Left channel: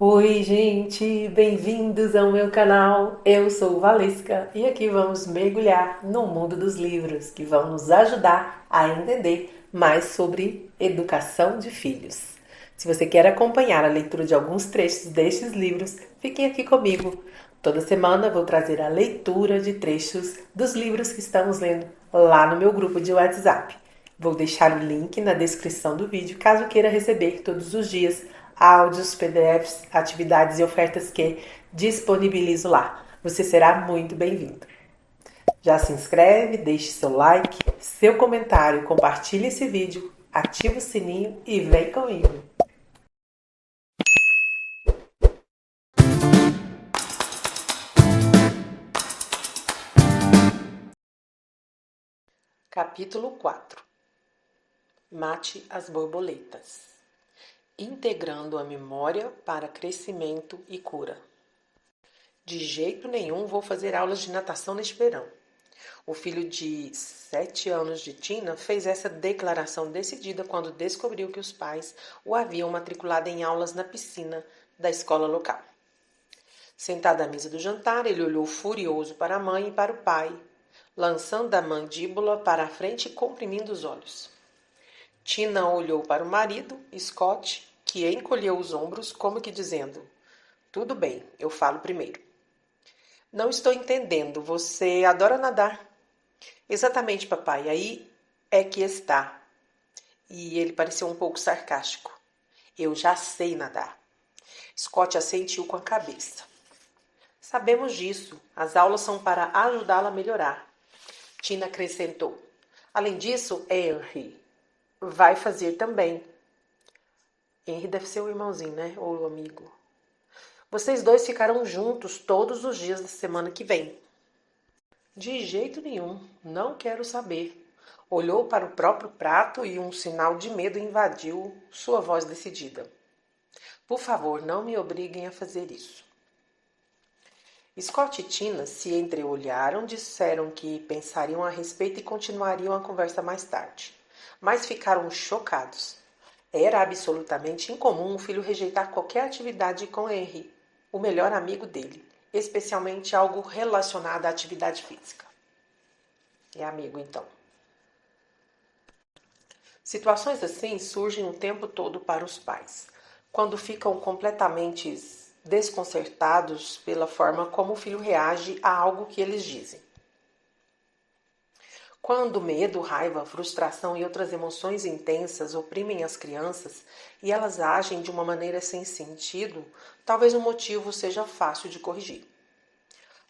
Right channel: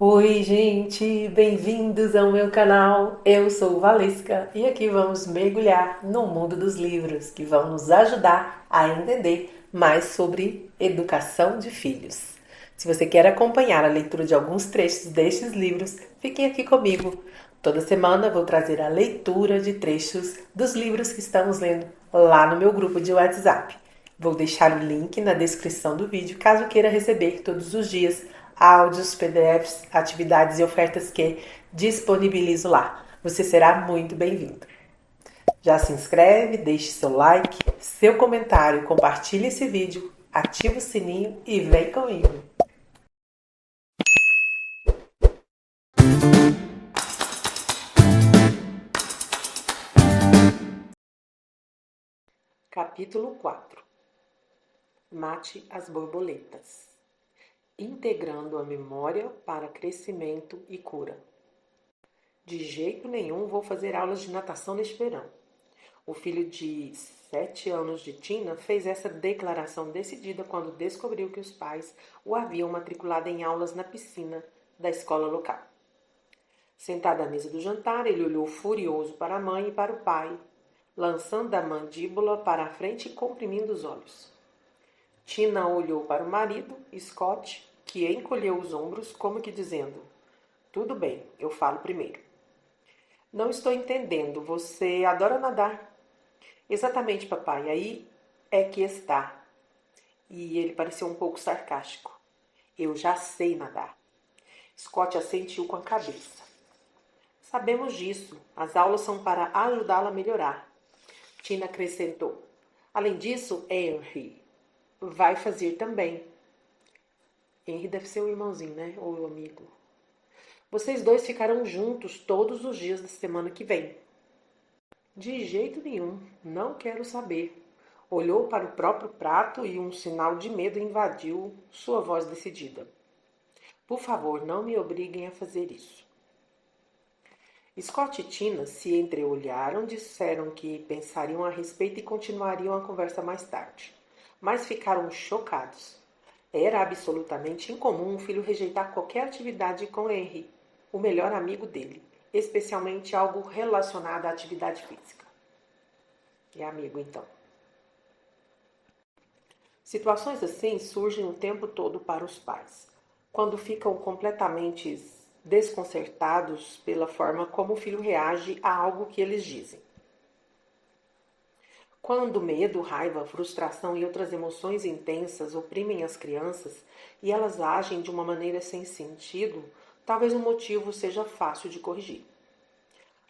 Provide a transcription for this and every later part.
Oi, gente, bem-vindos ao meu canal. Eu sou Valesca e aqui vamos mergulhar no mundo dos livros que vão nos ajudar a entender mais sobre educação de filhos. Se você quer acompanhar a leitura de alguns trechos destes livros, fiquem aqui comigo. Toda semana vou trazer a leitura de trechos dos livros que estamos lendo lá no meu grupo de WhatsApp. Vou deixar o link na descrição do vídeo caso queira receber todos os dias áudios, PDFs, atividades e ofertas que disponibilizo lá. Você será muito bem-vindo. Já se inscreve, deixe seu like, seu comentário, compartilhe esse vídeo, ativa o sininho e vem comigo. Capítulo 4. Mate as borboletas. Integrando a memória para crescimento e cura. De jeito nenhum vou fazer aulas de natação neste verão. O filho de 7 anos de Tina fez essa declaração decidida quando descobriu que os pais o haviam matriculado em aulas na piscina da escola local. Sentado à mesa do jantar, ele olhou furioso para a mãe e para o pai, lançando a mandíbula para a frente e comprimindo os olhos. Tina olhou para o marido, Scott, que encolheu os ombros, como que dizendo: "Tudo bem, eu falo primeiro." "Não estou entendendo, você adora nadar." "Exatamente, papai, aí é que está." E ele pareceu um pouco sarcástico. "Eu já sei nadar." Scott assentiu com a cabeça. "Sabemos disso. As aulas são para ajudá-la a melhorar." Tina acrescentou. "Além disso, Henry vai fazer também." Henry deve ser o irmãozinho, né? Ou o amigo. "Vocês dois ficarão juntos todos os dias da semana que vem." "De jeito nenhum. Não quero saber." Olhou para o próprio prato e um sinal de medo invadiu sua voz decidida. "Por favor, não me obriguem a fazer isso." Scott e Tina se entreolharam, disseram que pensariam a respeito e continuariam a conversa mais tarde. Mas ficaram chocados. Era absolutamente incomum o filho rejeitar qualquer atividade com Henry, o melhor amigo dele, especialmente algo relacionado à atividade física. É amigo, então. Situações assim surgem o tempo todo para os pais, quando ficam completamente desconcertados pela forma como o filho reage a algo que eles dizem. Quando medo, raiva, frustração e outras emoções intensas oprimem as crianças e elas agem de uma maneira sem sentido, talvez o motivo seja fácil de corrigir.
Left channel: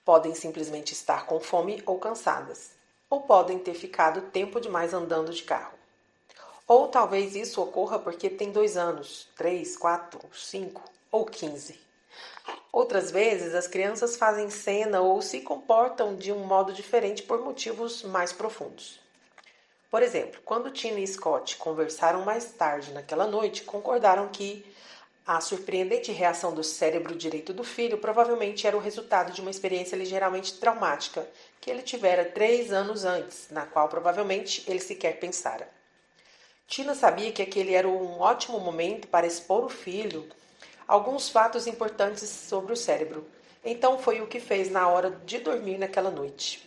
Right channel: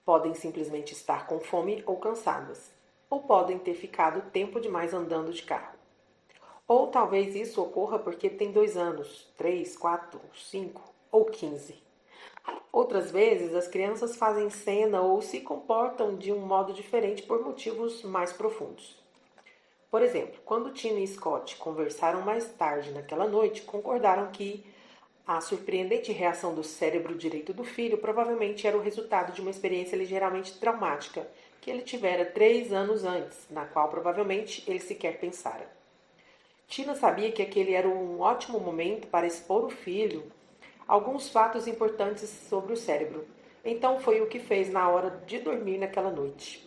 Podem simplesmente estar com fome ou cansadas, ou podem ter ficado tempo demais andando de carro. Ou talvez isso ocorra porque tem 2 anos, 3, 4, 5 ou 15. Outras vezes, as crianças fazem cena ou se comportam de um modo diferente por motivos mais profundos. Por exemplo, quando Tina e Scott conversaram mais tarde naquela noite, concordaram que a surpreendente reação do cérebro direito do filho provavelmente era o resultado de uma experiência ligeiramente traumática que ele tivera 3 anos antes, na qual provavelmente ele sequer pensara. Tina sabia que aquele era um ótimo momento para expor o filho alguns fatos importantes sobre o cérebro. Então foi o que fez na hora de dormir naquela noite.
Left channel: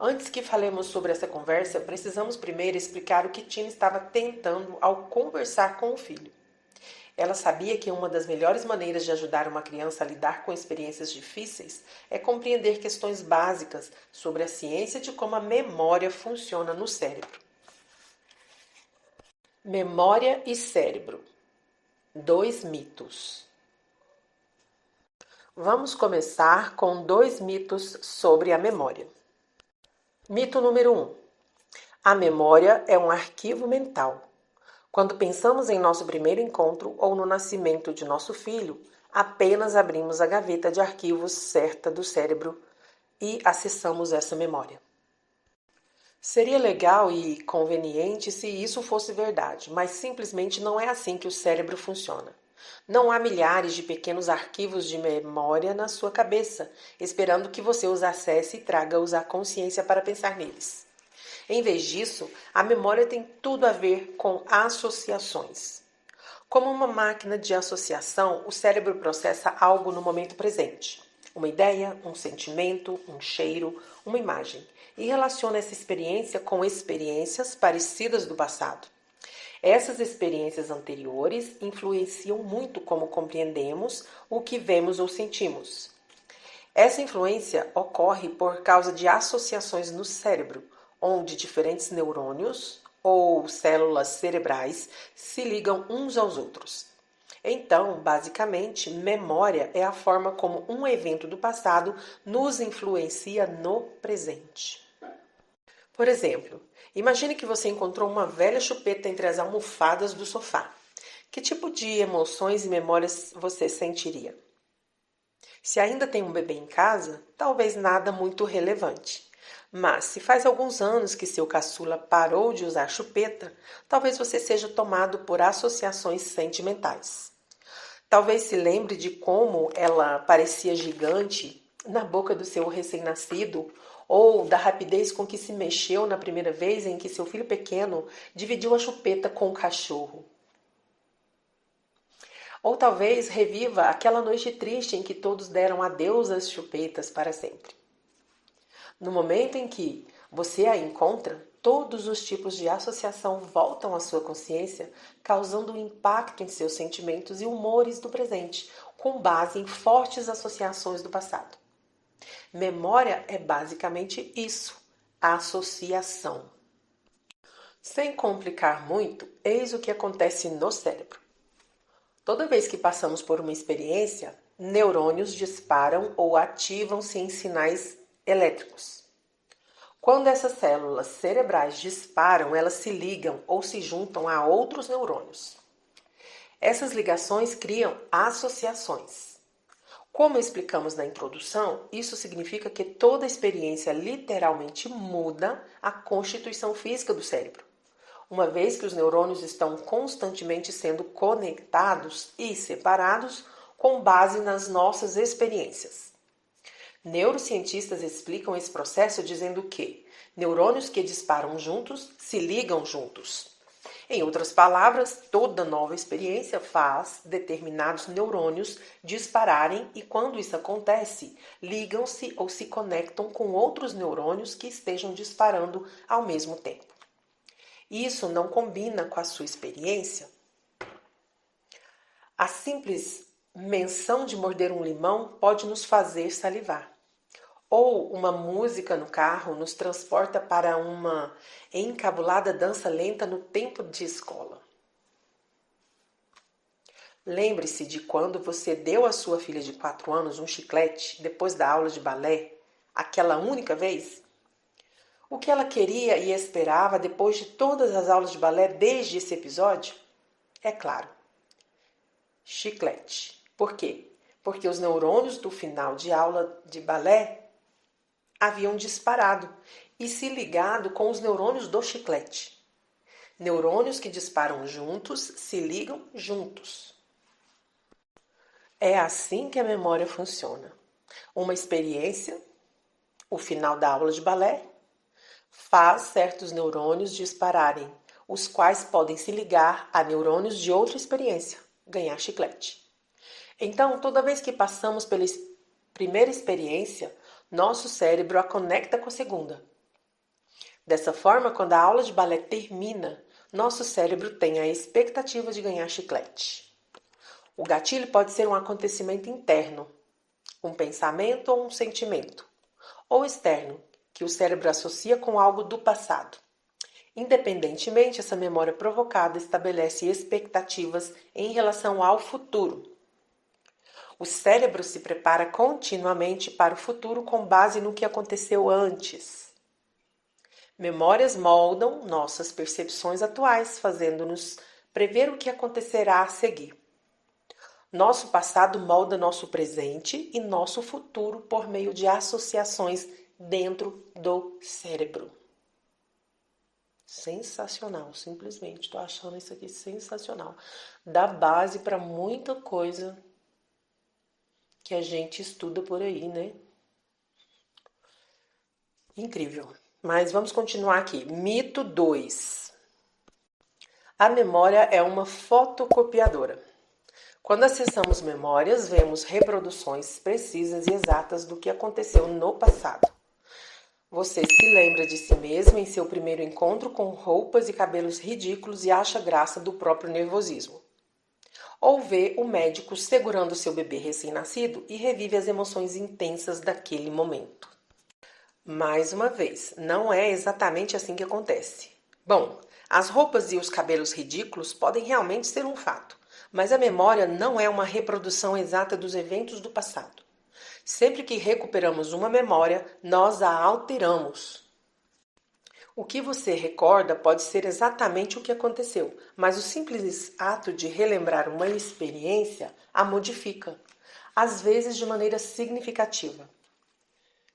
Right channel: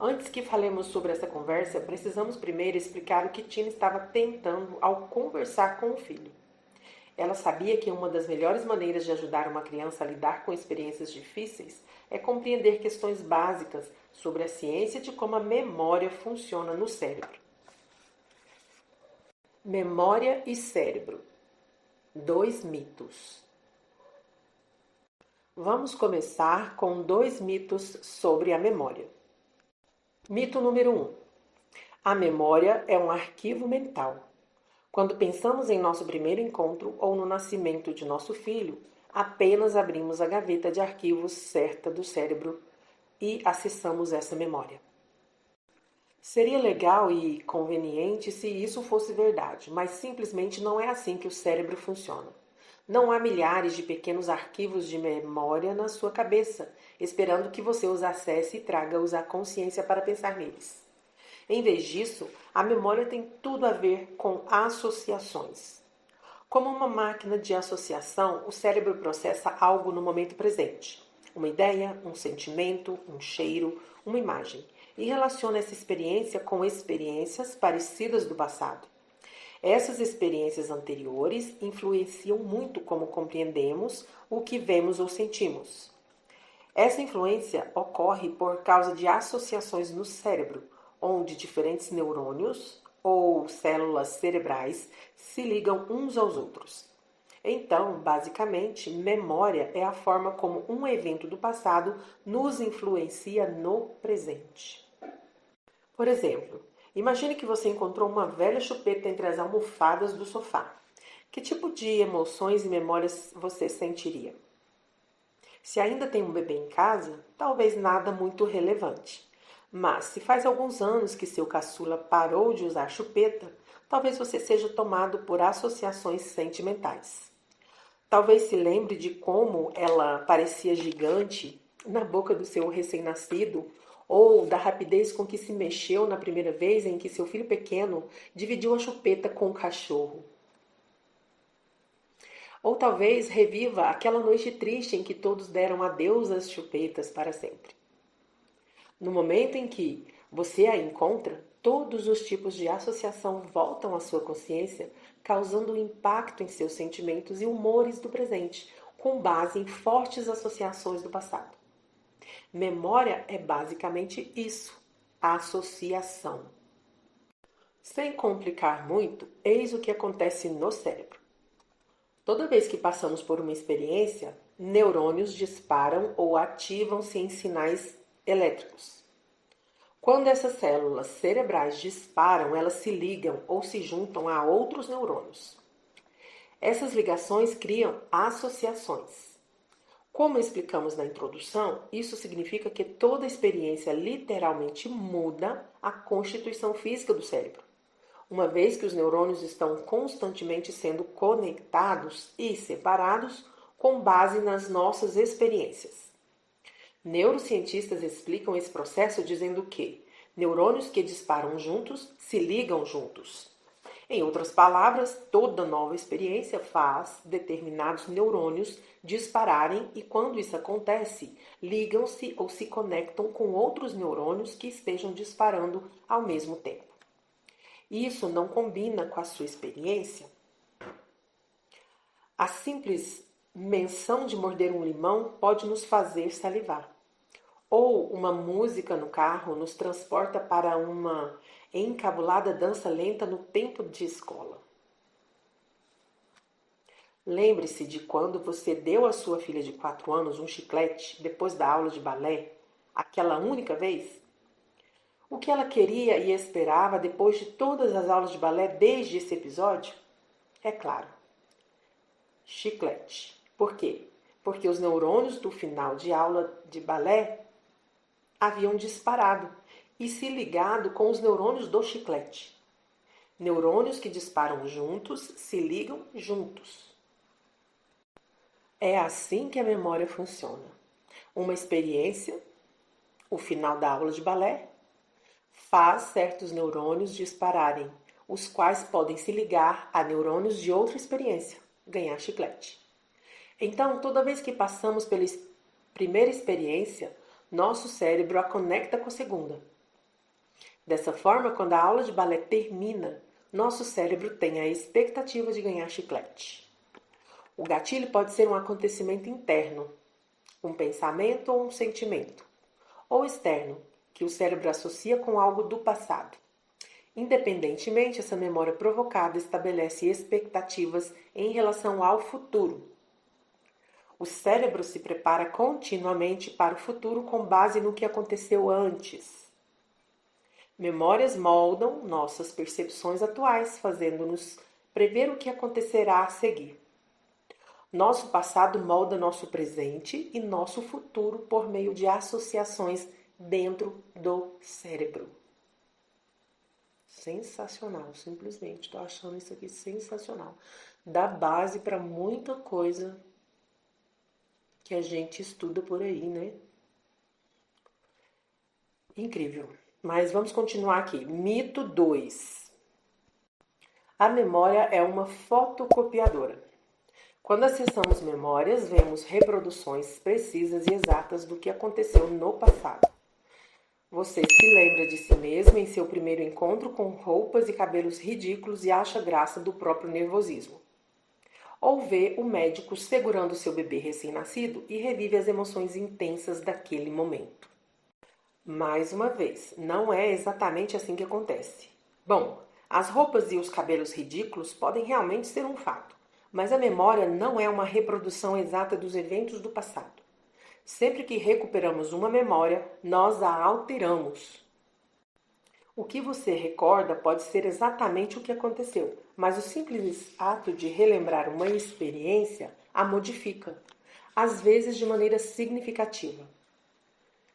Antes que falemos sobre essa conversa, precisamos primeiro explicar o que Tina estava tentando ao conversar com o filho. Ela sabia que uma das melhores maneiras de ajudar uma criança a lidar com experiências difíceis é compreender questões básicas sobre a ciência de como a memória funciona no cérebro. Memória e cérebro. 2 mitos. Vamos começar com 2 mitos sobre a memória. Mito número 1. A memória é um arquivo mental. Quando pensamos em nosso primeiro encontro ou no nascimento de nosso filho, apenas abrimos a gaveta de arquivos certa do cérebro e acessamos essa memória. Seria legal e conveniente se isso fosse verdade, mas simplesmente não é assim que o cérebro funciona. Não há milhares de pequenos arquivos de memória na sua cabeça, esperando que você os acesse e traga-os à consciência para pensar neles. Em vez disso, a memória tem tudo a ver com associações. Como uma máquina de associação, o cérebro processa algo no momento presente. Uma ideia, um sentimento, um cheiro, uma imagem. E relaciona essa experiência com experiências parecidas do passado. Essas experiências anteriores influenciam muito como compreendemos o que vemos ou sentimos. Essa influência ocorre por causa de associações no cérebro, onde diferentes neurônios ou células cerebrais se ligam uns aos outros. Então, basicamente, memória é a forma como um evento do passado nos influencia no presente. Por exemplo, imagine que você encontrou uma velha chupeta entre as almofadas do sofá. Que tipo de emoções e memórias você sentiria? Se ainda tem um bebê em casa, talvez nada muito relevante. Mas se faz alguns anos que seu caçula parou de usar chupeta, talvez você seja tomado por associações sentimentais. Talvez se lembre de como ela parecia gigante na boca do seu recém-nascido, ou da rapidez com que se mexeu na primeira vez em que seu filho pequeno dividiu a chupeta com o cachorro. Ou talvez reviva aquela noite triste em que todos deram adeus às chupetas para sempre. No momento em que você a encontra, todos os tipos de associação voltam à sua consciência, causando um impacto em seus sentimentos e humores do presente, com base em fortes associações do passado. Memória é basicamente isso, associação. Sem complicar muito, eis o que acontece no cérebro. Toda vez que passamos por uma experiência, neurônios disparam ou ativam-se em sinais elétricos. Quando essas células cerebrais disparam, elas se ligam ou se juntam a outros neurônios. Essas ligações criam associações. Como explicamos na introdução, isso significa que toda experiência literalmente muda a constituição física do cérebro, uma vez que os neurônios estão constantemente sendo conectados e separados com base nas nossas experiências. Neurocientistas explicam esse processo dizendo que neurônios que disparam juntos se ligam juntos. Em outras palavras, toda nova experiência faz determinados neurônios dispararem e, quando isso acontece, ligam-se ou se conectam com outros neurônios que estejam disparando ao mesmo tempo. Isso não combina com a sua experiência? A simples menção de morder um limão pode nos fazer salivar. Ou uma música no carro nos transporta para uma encabulada dança lenta no tempo de escola. Lembre-se de quando você deu à sua filha de 4 anos um chiclete depois da aula de balé, aquela única vez? O que ela queria e esperava depois de todas as aulas de balé desde esse episódio? É claro, chiclete. Por quê? Porque os neurônios do final de aula de balé haviam disparado e se ligado com os neurônios do chiclete. Neurônios que disparam juntos se ligam juntos. É assim que a memória funciona. Uma experiência, o final da aula de balé, faz certos neurônios dispararem, os quais podem se ligar a neurônios de outra experiência, ganhar chiclete. Então, toda vez que passamos pela primeira experiência, nosso cérebro a conecta com a segunda. Dessa forma, quando a aula de balé termina, nosso cérebro tem a expectativa de ganhar chiclete. O gatilho pode ser um acontecimento interno, um pensamento ou um sentimento, ou externo, que o cérebro associa com algo do passado. Independentemente, essa memória provocada estabelece expectativas em relação ao futuro. O cérebro se prepara continuamente para o futuro com base no que aconteceu antes. Memórias moldam nossas percepções atuais, fazendo-nos prever o que acontecerá a seguir. Nosso passado molda nosso presente e nosso futuro por meio de associações dentro do cérebro. Sensacional, simplesmente. Estou achando isso aqui sensacional. Dá base para muita coisa que a gente estuda por aí, né? Incrível. Mas vamos continuar aqui. Mito 2. A memória é uma fotocopiadora. Quando acessamos memórias, vemos reproduções precisas e exatas do que aconteceu no passado. Você se lembra de si mesmo em seu primeiro encontro com roupas e cabelos ridículos e acha graça do próprio nervosismo. Ou vê o médico segurando seu bebê recém-nascido e revive as emoções intensas daquele momento. Mais uma vez, não é exatamente assim que acontece. Bom, as roupas e os cabelos ridículos podem realmente ser um fato, mas a memória não é uma reprodução exata dos eventos do passado. Sempre que recuperamos uma memória, nós a alteramos. O que você recorda pode ser exatamente o que aconteceu, mas o simples ato de relembrar uma experiência a modifica, às vezes de maneira significativa.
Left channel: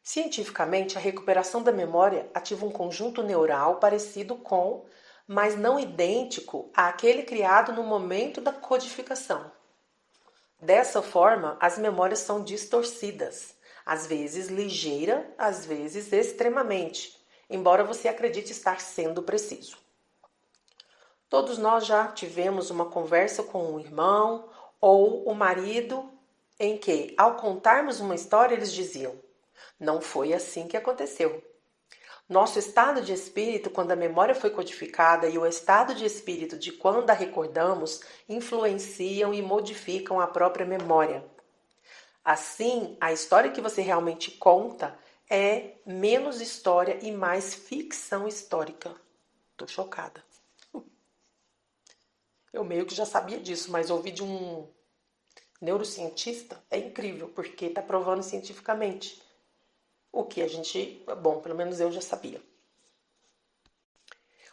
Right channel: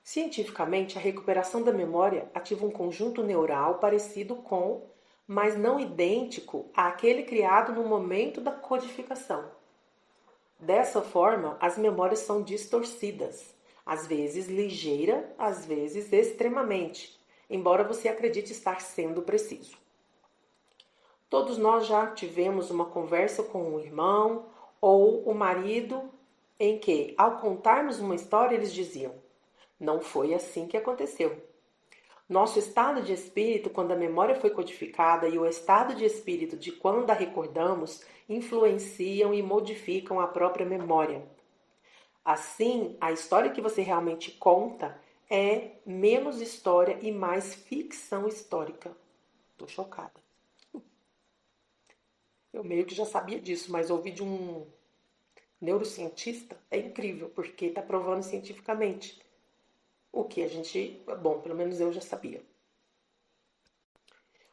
Cientificamente, a recuperação da memória ativa um conjunto neural parecido com, mas não idêntico àquele criado no momento da codificação. Dessa forma, as memórias são distorcidas, às vezes ligeira, às vezes extremamente, embora você acredite estar sendo preciso. Todos nós já tivemos uma conversa com um irmão ou o marido em que, ao contarmos uma história, eles diziam: "Não foi assim que aconteceu." Nosso estado de espírito, quando a memória foi codificada, e o estado de espírito de quando a recordamos, influenciam e modificam a própria memória. Assim, a história que você realmente conta é menos história e mais ficção histórica. Tô chocada. Eu meio que já sabia disso, mas ouvi de um neurocientista é incrível, porque está provando cientificamente o que a gente, bom, pelo menos eu já sabia.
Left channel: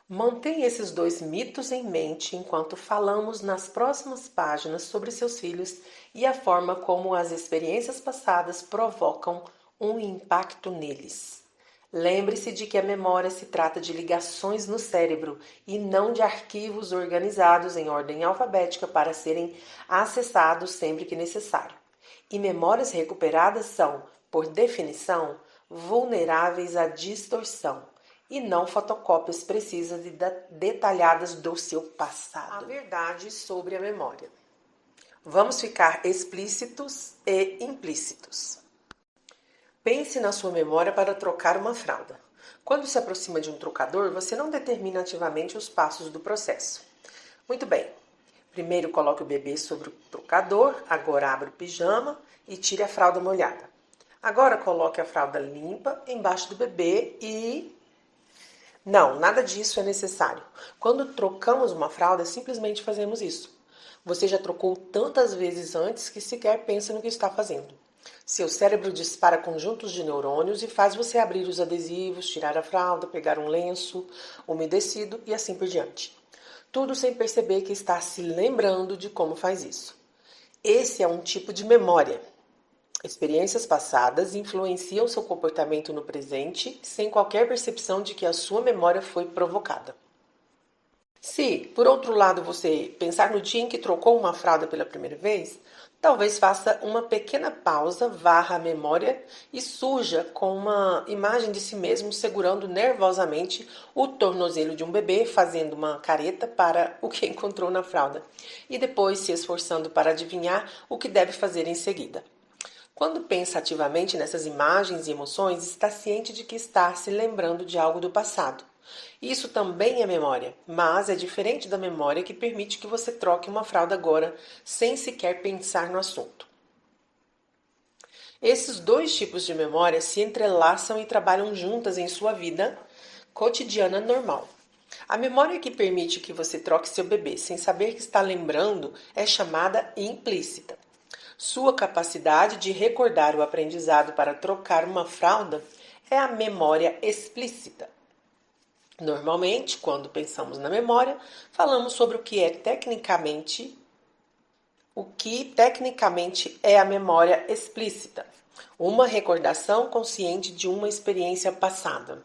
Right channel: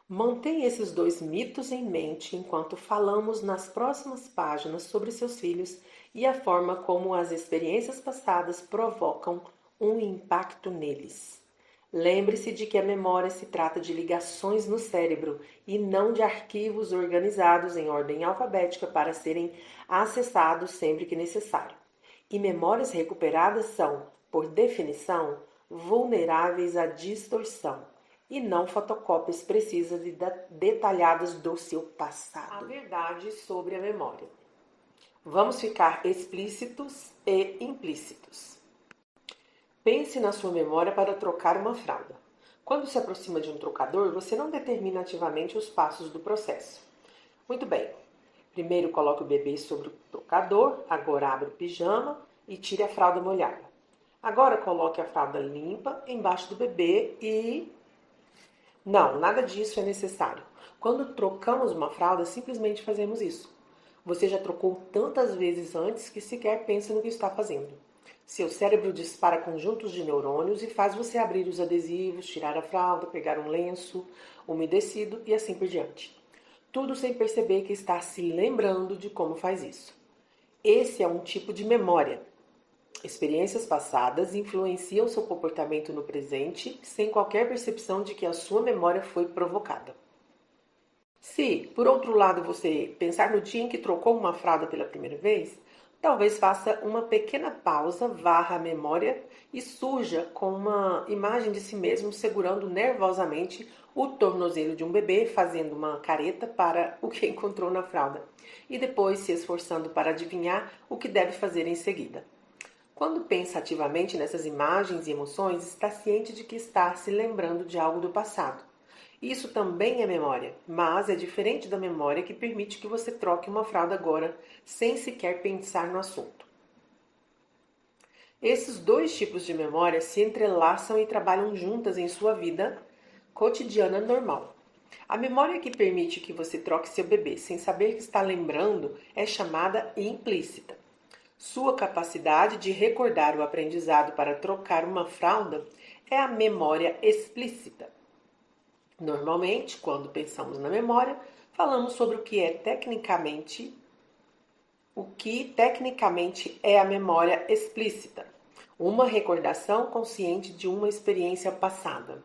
Mantenha esses dois mitos em mente enquanto falamos nas próximas páginas sobre seus filhos e a forma como as experiências passadas provocam um impacto neles. Lembre-se de que a memória se trata de ligações no cérebro e não de arquivos organizados em ordem alfabética para serem acessados sempre que necessário. E memórias recuperadas são, por definição, vulneráveis à distorção e não fotocópias precisas e detalhadas do seu passado. A verdade sobre a memória. Vamos ficar explícitos e implícitos. Pense na sua memória para trocar uma fralda. Quando se aproxima de um trocador, você não determina ativamente os passos do processo. Muito bem. Primeiro coloque o bebê sobre o trocador, agora abra o pijama e tire a fralda molhada. Agora coloque a fralda limpa embaixo do bebê e... Não, nada disso é necessário. Quando trocamos uma fralda, simplesmente fazemos isso. Você já trocou tantas vezes antes que sequer pensa no que está fazendo. Seu cérebro dispara conjuntos de neurônios e faz você abrir os adesivos, tirar a fralda, pegar um lenço umedecido e assim por diante. Tudo sem perceber que está se lembrando de como faz isso. Esse é um tipo de memória. Experiências passadas influenciam seu comportamento no presente sem qualquer percepção de que a sua memória foi provocada. Se, por outro lado, você pensar no dia em que trocou uma fralda pela primeira vez, talvez faça uma pequena pausa, varra a memória e surja com uma imagem de si mesmo segurando nervosamente o tornozelo de um bebê, fazendo uma careta para o que encontrou na fralda e depois se esforçando para adivinhar o que deve fazer em seguida. Quando pensa ativamente nessas imagens e emoções, está ciente de que está se lembrando de algo do passado. Isso também é memória, mas é diferente da memória que permite que você troque uma fralda agora, sem sequer pensar no assunto. Esses dois tipos de memória se entrelaçam e trabalham juntas em sua vida cotidiana normal. A memória que permite que você troque seu bebê sem saber que está lembrando é chamada implícita. Sua capacidade de recordar o aprendizado para trocar uma fralda é a memória explícita. Normalmente, quando pensamos na memória, falamos sobre o que tecnicamente é a memória explícita, uma recordação consciente de uma experiência passada.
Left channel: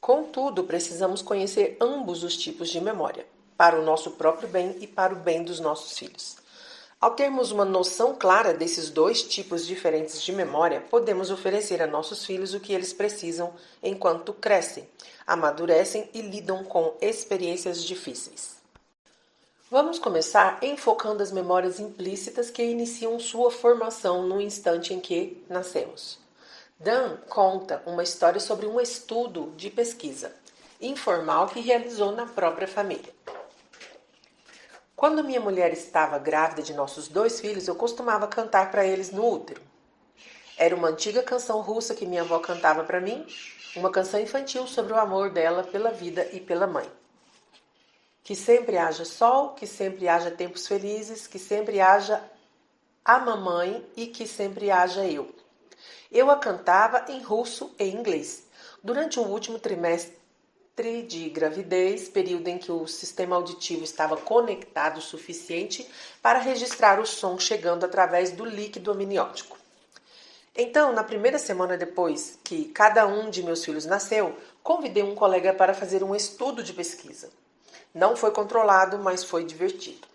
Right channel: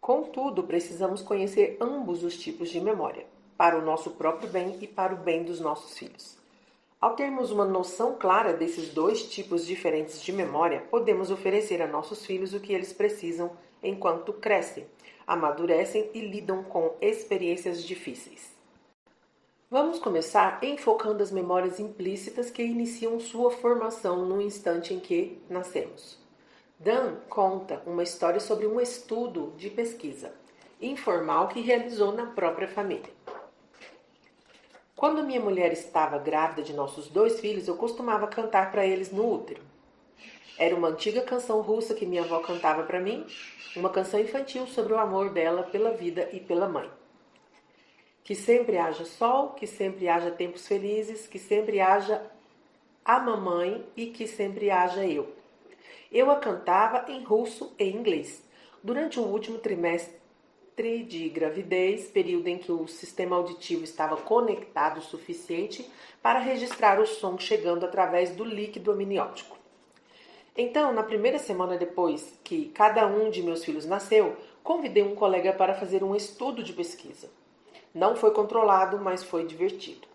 Contudo, precisamos conhecer ambos os tipos de memória, para o nosso próprio bem e para o bem dos nossos filhos. Ao termos uma noção clara desses dois tipos diferentes de memória, podemos oferecer a nossos filhos o que eles precisam enquanto crescem, amadurecem e lidam com experiências difíceis. Vamos começar enfocando as memórias implícitas que iniciam sua formação no instante em que nascemos. Dan conta uma história sobre um estudo de pesquisa informal que realizou na própria família. Quando minha mulher estava grávida de nossos 2 filhos, eu costumava cantar para eles no útero. Era uma antiga canção russa que minha avó cantava para mim, uma canção infantil sobre o amor dela pela vida e pela mãe. Que sempre haja sol, que sempre haja tempos felizes, que sempre haja a mamãe e que sempre haja eu. Eu a cantava em russo e inglês. Durante o último trimestre de gravidez, período em que o sistema auditivo estava conectado o suficiente para registrar o som chegando através do líquido amniótico. Então, na primeira semana depois que cada um de meus filhos nasceu, convidei um colega para fazer um estudo de pesquisa. Não foi controlado, mas foi divertido.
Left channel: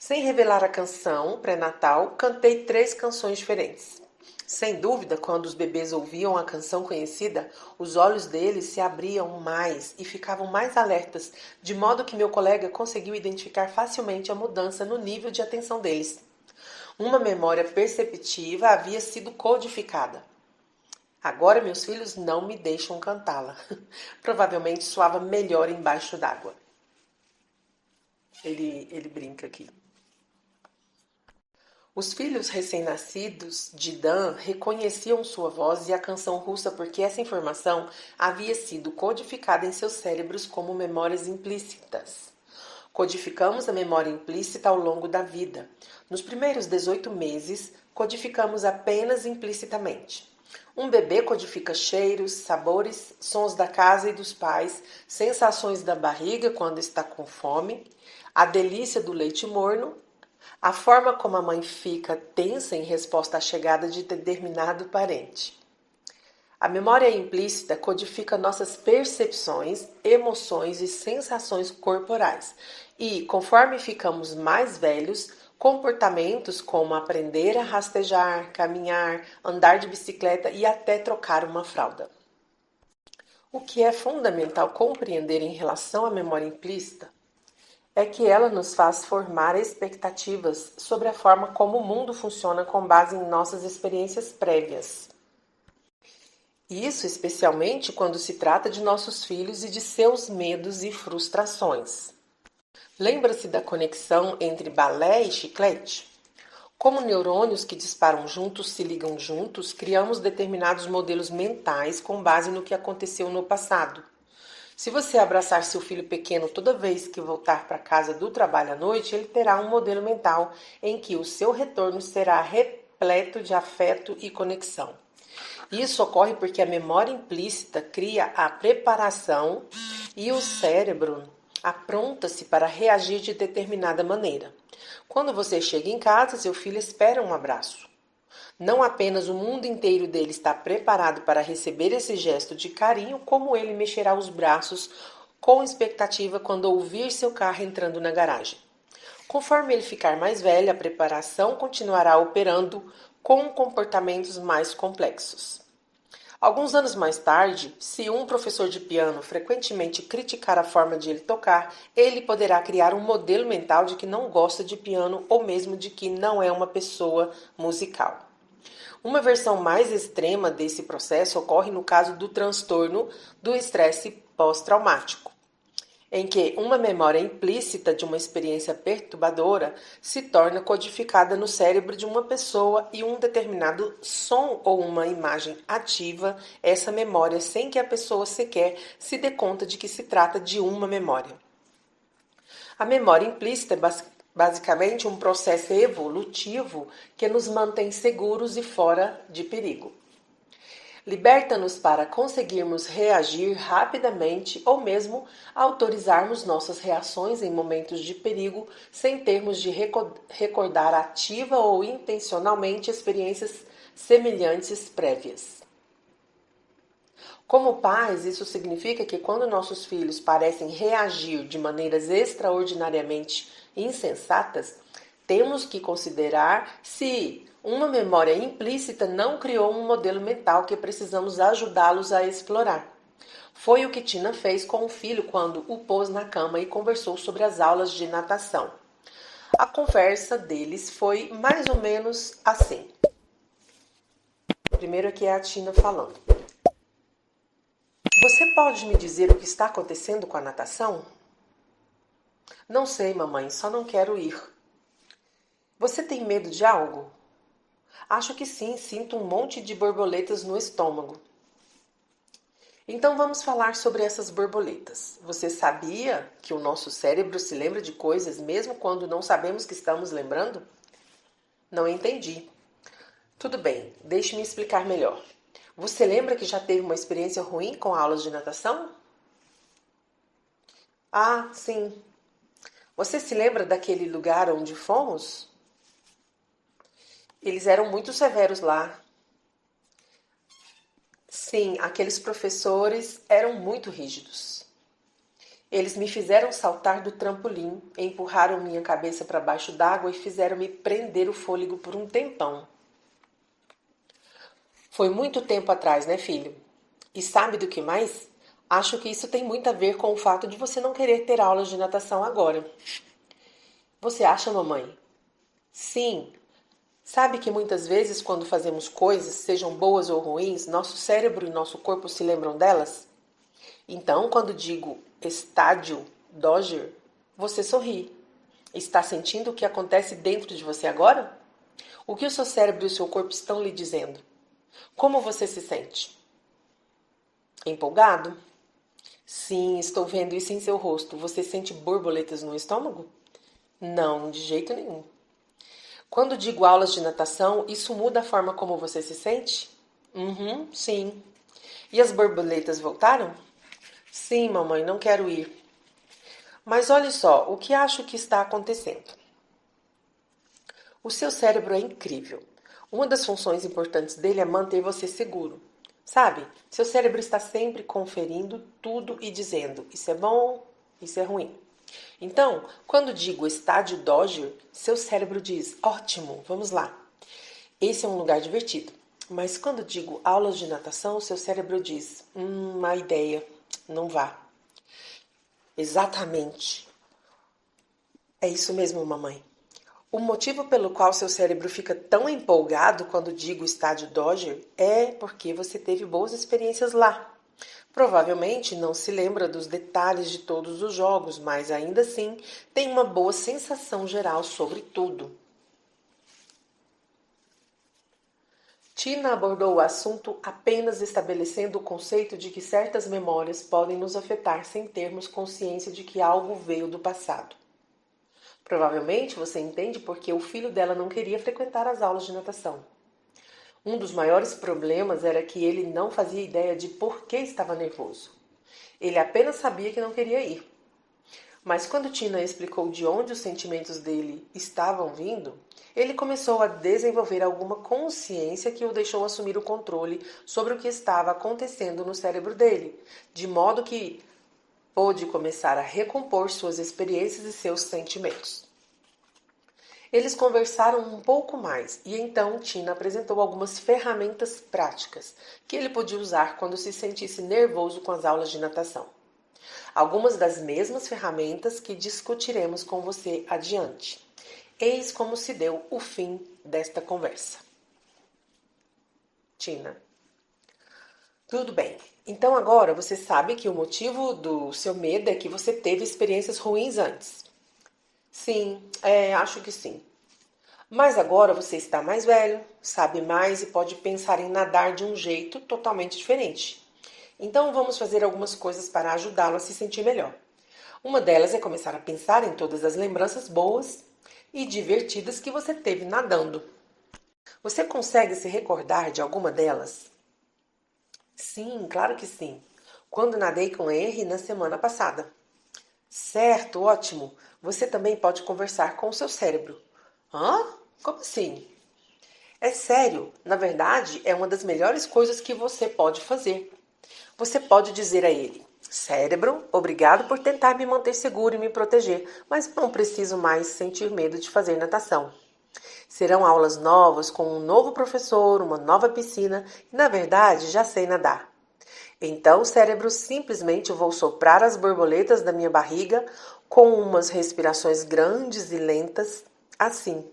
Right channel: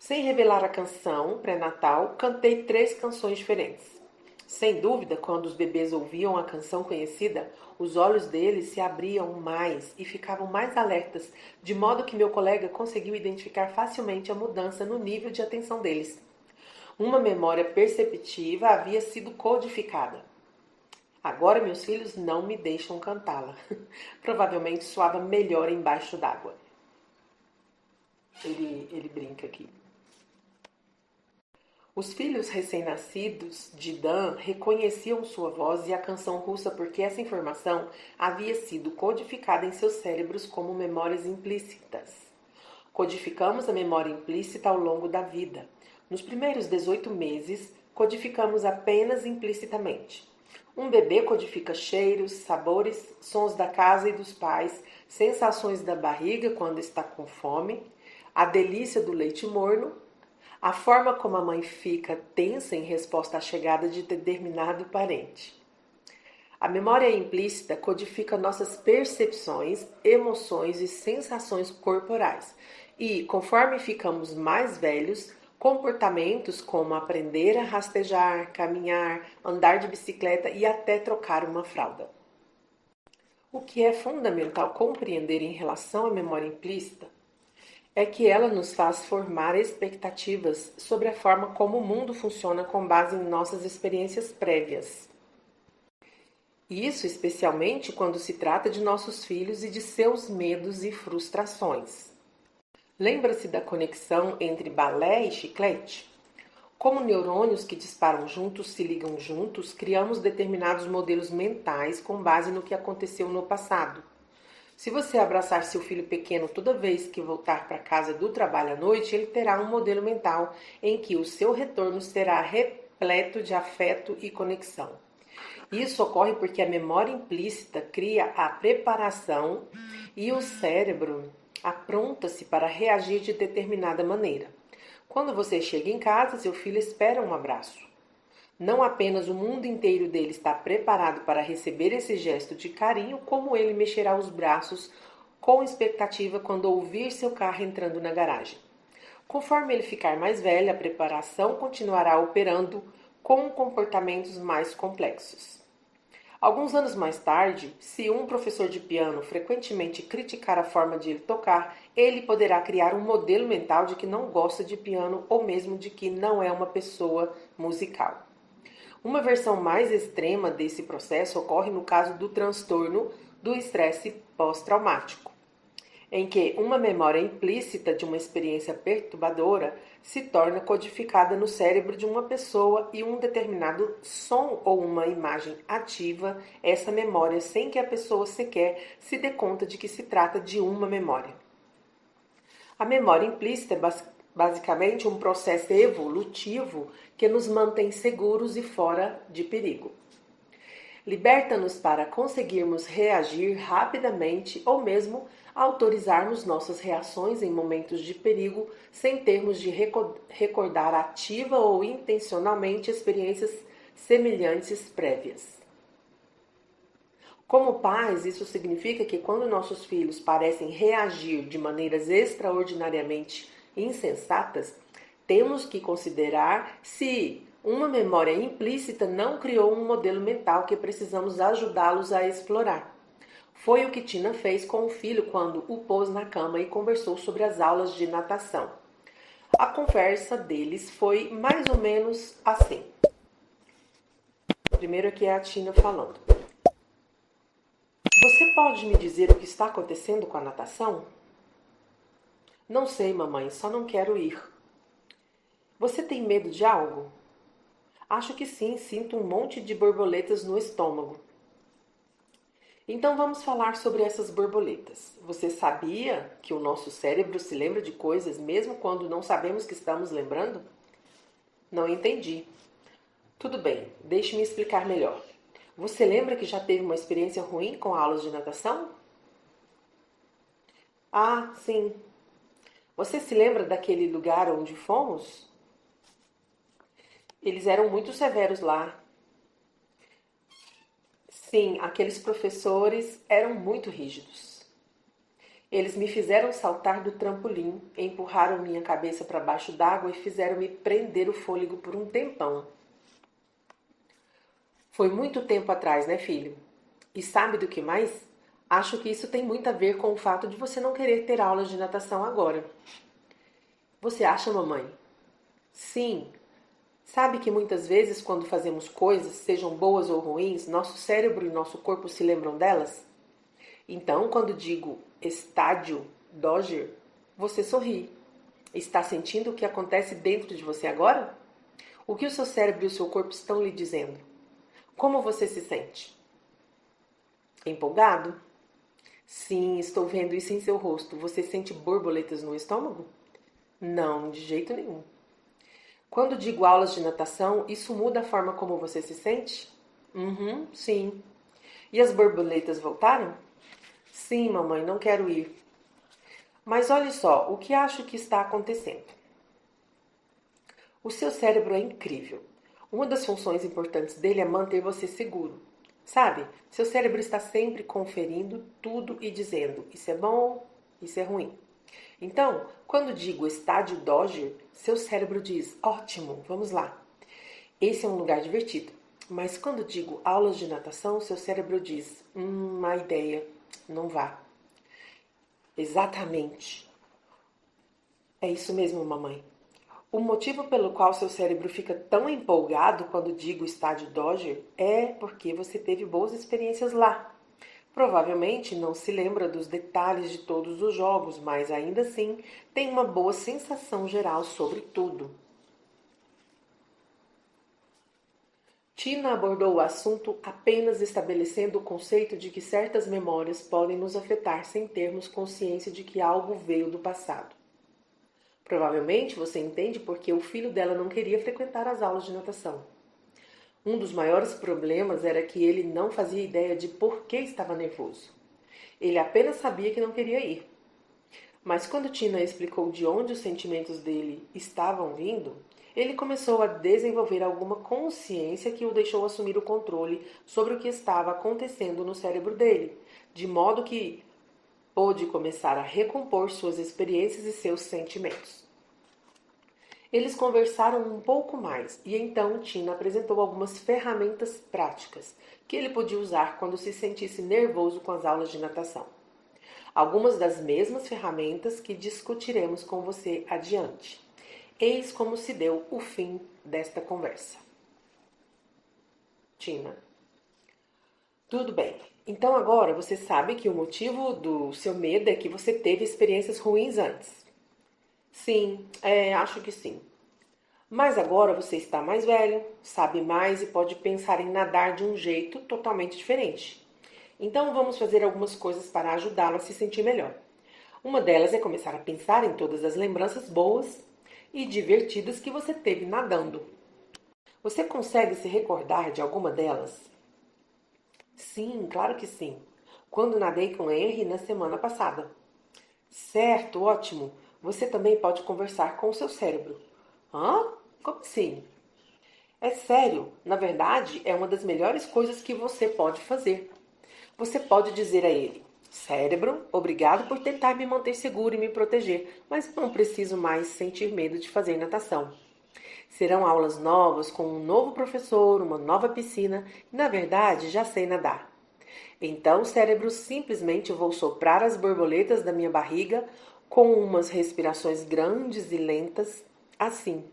Sem revelar a canção pré-natal, cantei 3 canções diferentes. Sem dúvida, quando os bebês ouviam a canção conhecida, os olhos deles se abriam mais e ficavam mais alertas, de modo que meu colega conseguiu identificar facilmente a mudança no nível de atenção deles. Uma memória perceptiva havia sido codificada. Agora meus filhos não me deixam cantá-la. Provavelmente soava melhor embaixo d'água. Ele brinca aqui. Os filhos recém-nascidos de Dan reconheciam sua voz e a canção russa porque essa informação havia sido codificada em seus cérebros como memórias implícitas. Codificamos a memória implícita ao longo da vida. Nos primeiros 18 meses, codificamos apenas implicitamente. Um bebê codifica cheiros, sabores, sons da casa e dos pais, sensações da barriga quando está com fome, a delícia do leite morno, a forma como a mãe fica tensa em resposta à chegada de determinado parente. A memória implícita codifica nossas percepções, emoções e sensações corporais. E, conforme ficamos mais velhos, comportamentos como aprender a rastejar, caminhar, andar de bicicleta e até trocar uma fralda. O que é fundamental compreender em relação à memória implícita é que ela nos faz formar expectativas sobre a forma como o mundo funciona com base em nossas experiências prévias. Isso especialmente quando se trata de nossos filhos e de seus medos e frustrações. Lembra-se da conexão entre balé e chiclete? Como neurônios que disparam juntos se ligam juntos, criamos determinados modelos mentais com base no que aconteceu no passado. Se você abraçar seu filho pequeno toda vez que voltar para casa do trabalho à noite, ele terá um modelo mental em que o seu retorno será repleto de afeto e conexão. Isso ocorre porque a memória implícita cria a preparação e o cérebro apronta-se para reagir de determinada maneira. Quando você chega em casa, seu filho espera um abraço. Não apenas o mundo inteiro dele está preparado para receber esse gesto de carinho, como ele mexerá os braços com expectativa quando ouvir seu carro entrando na garagem. Conforme ele ficar mais velho, a preparação continuará operando com comportamentos mais complexos. Alguns anos mais tarde, se um professor de piano frequentemente criticar a forma de ele tocar, ele poderá criar um modelo mental de que não gosta de piano ou mesmo de que não é uma pessoa musical. Uma versão mais extrema desse processo ocorre no caso do transtorno do estresse pós-traumático, em que uma memória implícita de uma experiência perturbadora se torna codificada no cérebro de uma pessoa e um determinado som ou uma imagem ativa essa memória sem que a pessoa sequer se dê conta de que se trata de uma memória. A memória implícita é basicamente um processo evolutivo que nos mantém seguros e fora de perigo. Liberta-nos para conseguirmos reagir rapidamente ou mesmo autorizarmos nossas reações em momentos de perigo sem termos de recordar ativa ou intencionalmente experiências semelhantes prévias. Como pais, isso significa que quando nossos filhos parecem reagir de maneiras extraordinariamente insensatas, temos que considerar se uma memória implícita não criou um modelo mental que precisamos ajudá-los a explorar. Foi o que Tina fez com o filho quando o pôs na cama e conversou sobre as aulas de natação. A conversa deles foi mais ou menos assim. Primeiro aqui é a Tina falando. Você pode me dizer o que está acontecendo com a natação? Não sei, mamãe, só não quero ir. Você tem medo de algo? Acho que sim, sinto um monte de borboletas no estômago. Então vamos falar sobre essas borboletas. Você sabia que o nosso cérebro se lembra de coisas mesmo quando não sabemos que estamos lembrando? Não entendi. Tudo bem, deixe-me explicar melhor. Você lembra que já teve uma experiência ruim com aulas de natação? Ah, sim. Você se lembra daquele lugar onde fomos? Eles eram muito severos lá. Sim, aqueles professores eram muito rígidos. Eles me fizeram saltar do trampolim, empurraram minha cabeça para baixo d'água e fizeram-me prender o fôlego por um tempão. Foi muito tempo atrás, né, filho? E sabe do que mais? Acho que isso tem muito a ver com o fato de você não querer ter aulas de natação agora. Você acha, mamãe? Sim. Sabe que muitas vezes, quando fazemos coisas, sejam boas ou ruins, nosso cérebro e nosso corpo se lembram delas? Então, quando digo estádio Dodger, você sorri. Está sentindo o que acontece dentro de você agora? O que o seu cérebro e o seu corpo estão lhe dizendo? Como você se sente? Empolgado? Sim, estou vendo isso em seu rosto. Você sente borboletas no estômago? Não, de jeito nenhum. Quando digo aulas de natação, isso muda a forma como você se sente? Sim. E as borboletas voltaram? Sim, mamãe, não quero ir. Mas olhe só, o que acho que está acontecendo? O seu cérebro é incrível. Uma das funções importantes dele é manter você seguro. Sabe? Seu cérebro está sempre conferindo tudo e dizendo: isso é bom, isso é ruim. Então, quando digo estádio Dodger, seu cérebro diz: ótimo, vamos lá. Esse é um lugar divertido. Mas quando digo aulas de natação, seu cérebro diz: má ideia, não vá. Exatamente. É isso mesmo, mamãe. O motivo pelo qual seu cérebro fica tão empolgado quando digo estádio Dodger é porque você teve boas experiências lá. Provavelmente não se lembra dos detalhes de todos os jogos, mas ainda assim tem uma boa sensação geral sobre tudo. Tina abordou o assunto apenas estabelecendo o conceito de que certas memórias podem nos afetar sem termos consciência de que algo veio do passado. Provavelmente você entende porque o filho dela não queria frequentar as aulas de natação. Um dos maiores problemas era que ele não fazia ideia de por que estava nervoso. Ele apenas sabia que não queria ir. Mas quando Tina explicou de onde os sentimentos dele estavam vindo, ele começou a desenvolver alguma consciência que o deixou assumir o controle sobre o que estava acontecendo no cérebro dele, de modo que pôde começar a recompor suas experiências e seus sentimentos. Eles conversaram um pouco mais e então Tina apresentou algumas ferramentas práticas que ele podia usar quando se sentisse nervoso com as aulas de natação. Algumas das mesmas ferramentas que discutiremos com você adiante. Eis como se deu o fim desta conversa. Tina. Tudo bem. Então agora você sabe que o motivo do seu medo é que você teve experiências ruins antes. Sim, acho que sim. Mas agora você está mais velho, sabe mais e pode pensar em nadar de um jeito totalmente diferente. Então vamos fazer algumas coisas para ajudá-lo a se sentir melhor. Uma delas é começar a pensar em todas as lembranças boas e divertidas que você teve nadando. Você consegue se recordar de alguma delas? Sim, claro que sim. Quando nadei com Henry na semana passada. Certo, ótimo. Você também pode conversar com o seu cérebro. Hã? Como assim? É sério, na verdade, é uma das melhores coisas que você pode fazer. Você pode dizer a ele: cérebro, obrigado por tentar me manter seguro e me proteger, mas não preciso mais sentir medo de fazer natação. Serão aulas novas com um novo professor, uma nova piscina e, na verdade, já sei nadar. Então, cérebro, simplesmente vou soprar as borboletas da minha barriga com umas respirações grandes e lentas, assim.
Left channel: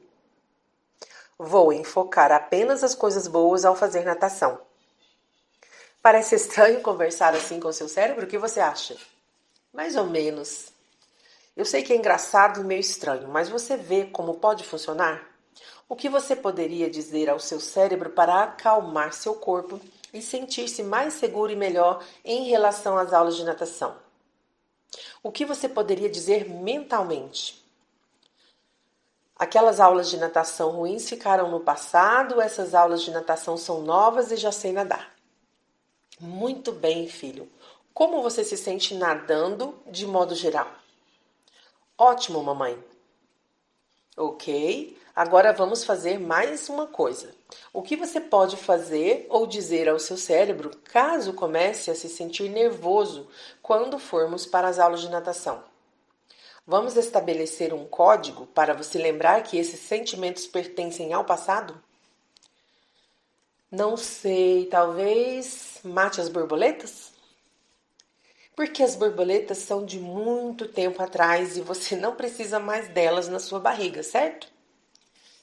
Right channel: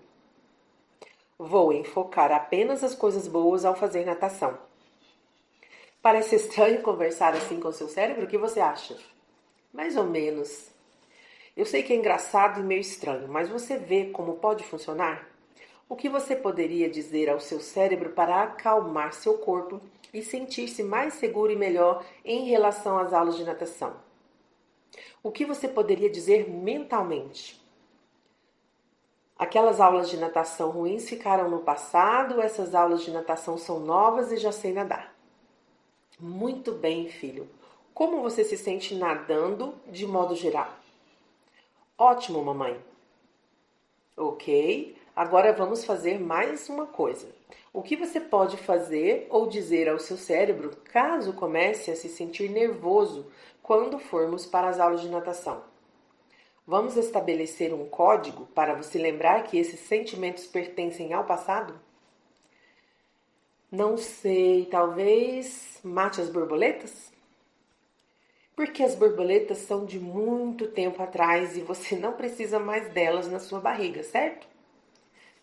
Vou enfocar apenas as coisas boas ao fazer natação. Parece estranho conversar assim com seu cérebro? O que você acha? Mais ou menos. Eu sei que é engraçado e meio estranho, mas você vê como pode funcionar? O que você poderia dizer ao seu cérebro para acalmar seu corpo e sentir-se mais seguro e melhor em relação às aulas de natação? O que você poderia dizer mentalmente? Aquelas aulas de natação ruins ficaram no passado, essas aulas de natação são novas e já sei nadar. Muito bem, filho. Como você se sente nadando de modo geral? Ótimo, mamãe. Ok, agora vamos fazer mais uma coisa. O que você pode fazer ou dizer ao seu cérebro caso comece a se sentir nervoso quando formos para as aulas de natação? Vamos estabelecer um código para você lembrar que esses sentimentos pertencem ao passado? Não sei, talvez mate as borboletas? Porque as borboletas são de muito tempo atrás e você não precisa mais delas na sua barriga, certo?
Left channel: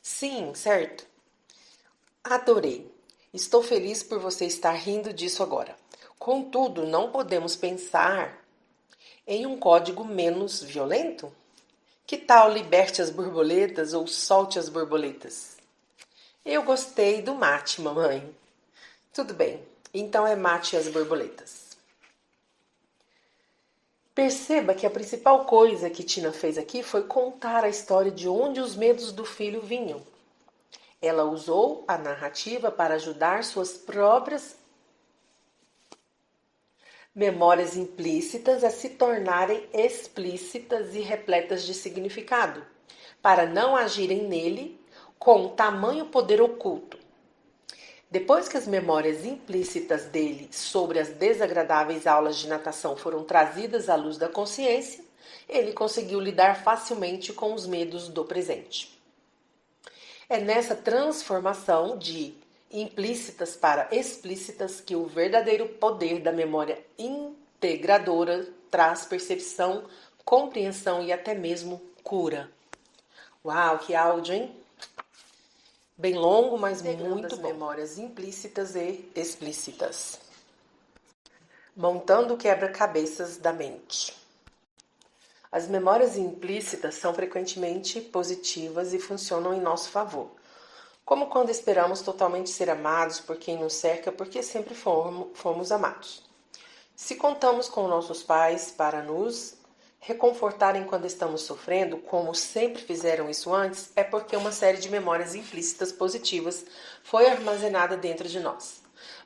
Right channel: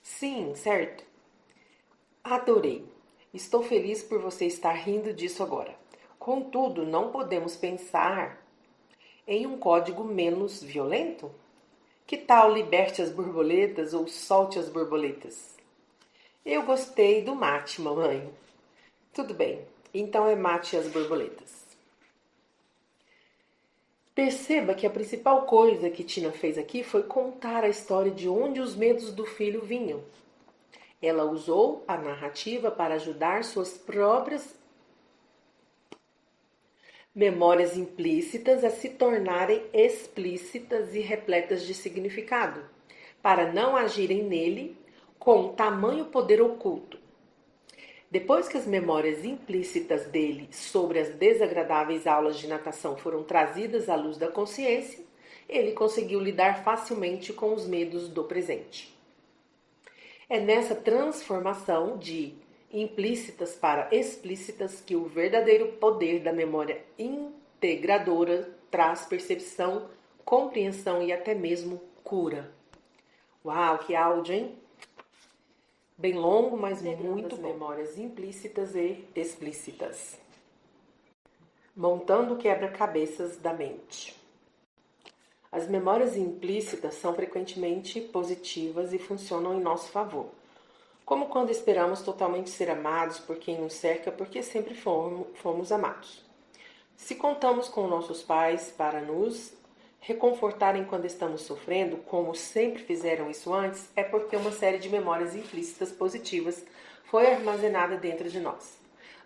Sim, certo. Adorei. Estou feliz por você estar rindo disso agora. Contudo, não podemos pensar em um código menos violento? Que tal liberte as borboletas ou solte as borboletas? Eu gostei do mate, mamãe. Tudo bem, então é mate as borboletas. Perceba que a principal coisa que Tina fez aqui foi contar a história de onde os medos do filho vinham. Ela usou a narrativa para ajudar suas próprias memórias implícitas a se tornarem explícitas e repletas de significado, para não agirem nele com tamanho poder oculto. Depois que as memórias implícitas dele sobre as desagradáveis aulas de natação foram trazidas à luz da consciência, ele conseguiu lidar facilmente com os medos do presente. É nessa transformação de implícitas para explícitas que o verdadeiro poder da memória integradora traz percepção, compreensão e até mesmo cura. Uau, que áudio, hein? Bem longo, mas muito bom. Memórias implícitas e explícitas. Montando quebra-cabeças da mente. As memórias implícitas são frequentemente positivas e funcionam em nosso favor. Como quando esperamos totalmente ser amados por quem nos cerca, porque sempre fomos amados. Se contamos com nossos pais para nos reconfortarem quando estamos sofrendo, como sempre fizeram isso antes, é porque uma série de memórias implícitas positivas foi armazenada dentro de nós.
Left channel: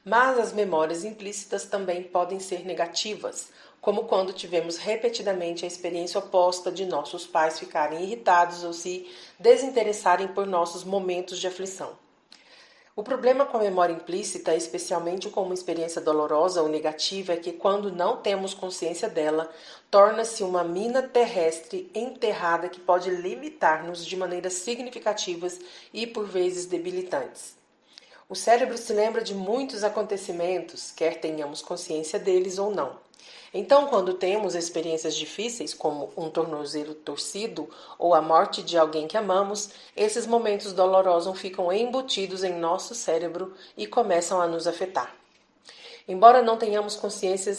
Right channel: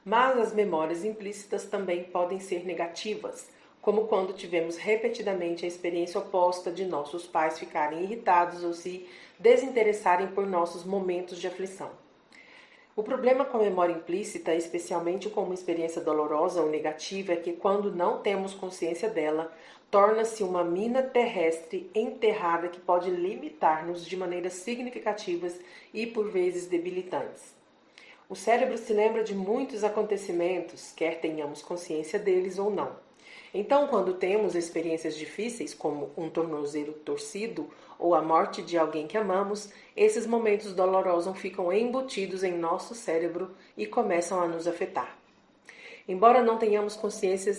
Mas as memórias implícitas também podem ser negativas, como quando tivemos repetidamente a experiência oposta de nossos pais ficarem irritados ou se desinteressarem por nossos momentos de aflição. O problema com a memória implícita, especialmente com uma experiência dolorosa ou negativa, é que quando não temos consciência dela, torna-se uma mina terrestre enterrada que pode limitar-nos de maneiras significativas e por vezes debilitantes. O cérebro se lembra de muitos acontecimentos, quer tenhamos consciência deles ou não. Então, quando temos experiências difíceis, como um tornozelo torcido ou a morte de alguém que amamos, esses momentos dolorosos ficam embutidos em nosso cérebro e começam a nos afetar. Embora não tenhamos consciência,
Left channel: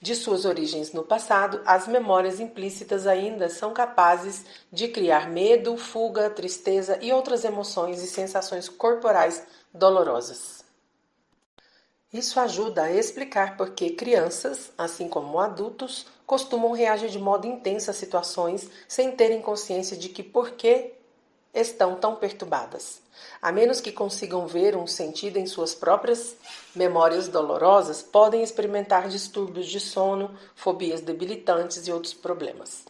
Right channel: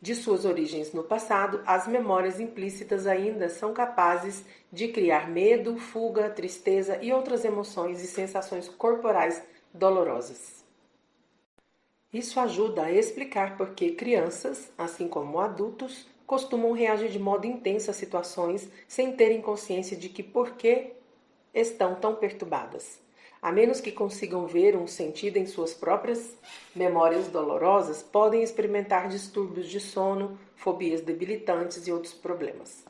de suas origens no passado, as memórias implícitas ainda são capazes de criar medo, fuga, tristeza e outras emoções e sensações corporais dolorosas. Isso ajuda a explicar por que crianças, assim como adultos, costumam reagir de modo intenso a situações sem terem consciência de que por que estão tão perturbadas. A menos que consigam ver um sentido em suas próprias memórias dolorosas, podem experimentar distúrbios de sono, fobias debilitantes e outros problemas.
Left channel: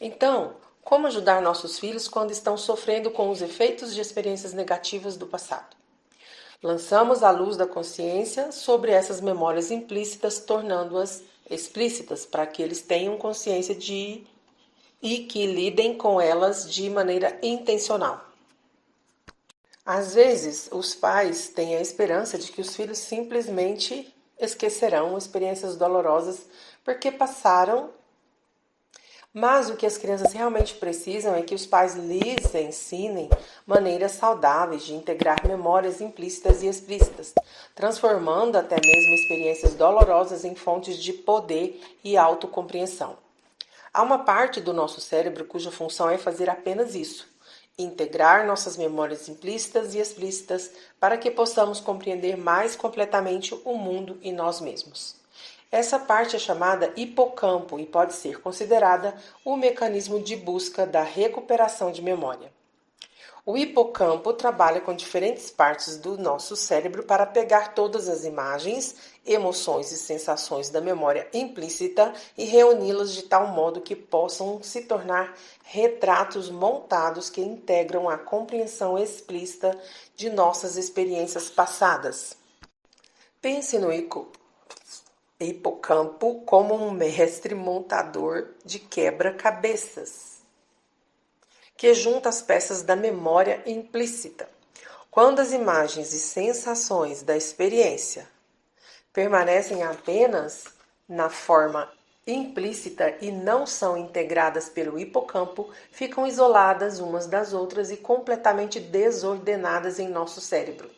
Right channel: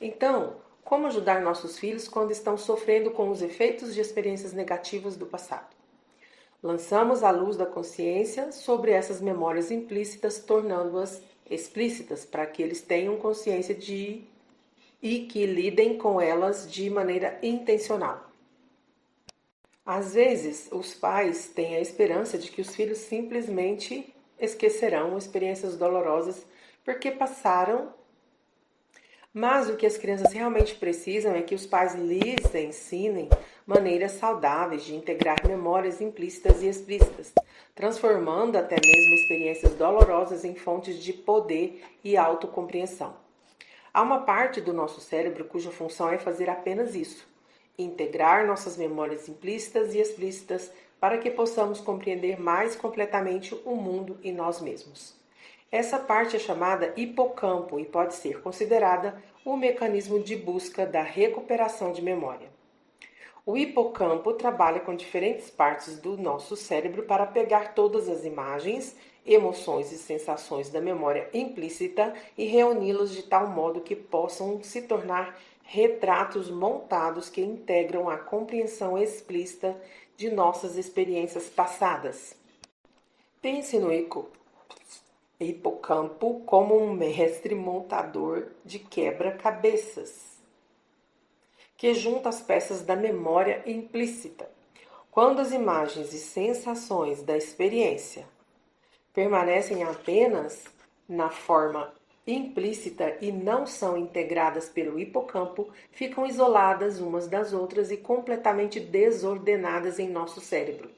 Então, como ajudar nossos filhos quando estão sofrendo com os efeitos de experiências negativas do passado? Lançamos a luz da consciência sobre essas memórias implícitas, tornando-as explícitas, para que eles tenham consciência e que lidem com elas de maneira intencional. Às vezes, os pais têm a esperança de que os filhos simplesmente esquecerão experiências dolorosas porque passaram Mas o que as crianças realmente precisam é que os pais lhes ensinem maneiras saudáveis de integrar memórias implícitas e explícitas, transformando até mesmo experiências dolorosas em fontes de poder e autocompreensão. Há uma parte do nosso cérebro cuja função é fazer apenas isso: integrar nossas memórias implícitas e explícitas para que possamos compreender mais completamente o mundo e nós mesmos. Essa parte é chamada hipocampo e pode ser considerada o mecanismo de busca da recuperação de memória. O hipocampo trabalha com diferentes partes do nosso cérebro para pegar todas as imagens, emoções e sensações da memória implícita e reuni-las de tal modo que possam se tornar retratos montados que integram a compreensão explícita de nossas experiências passadas. Pense no hipocampo como um mestre montador de quebra-cabeças que junta as peças da memória implícita. Quando as imagens e sensações da experiência permanecem apenas na forma implícita e não são integradas pelo hipocampo, ficam isoladas umas das outras e completamente desordenadas em nosso cérebro.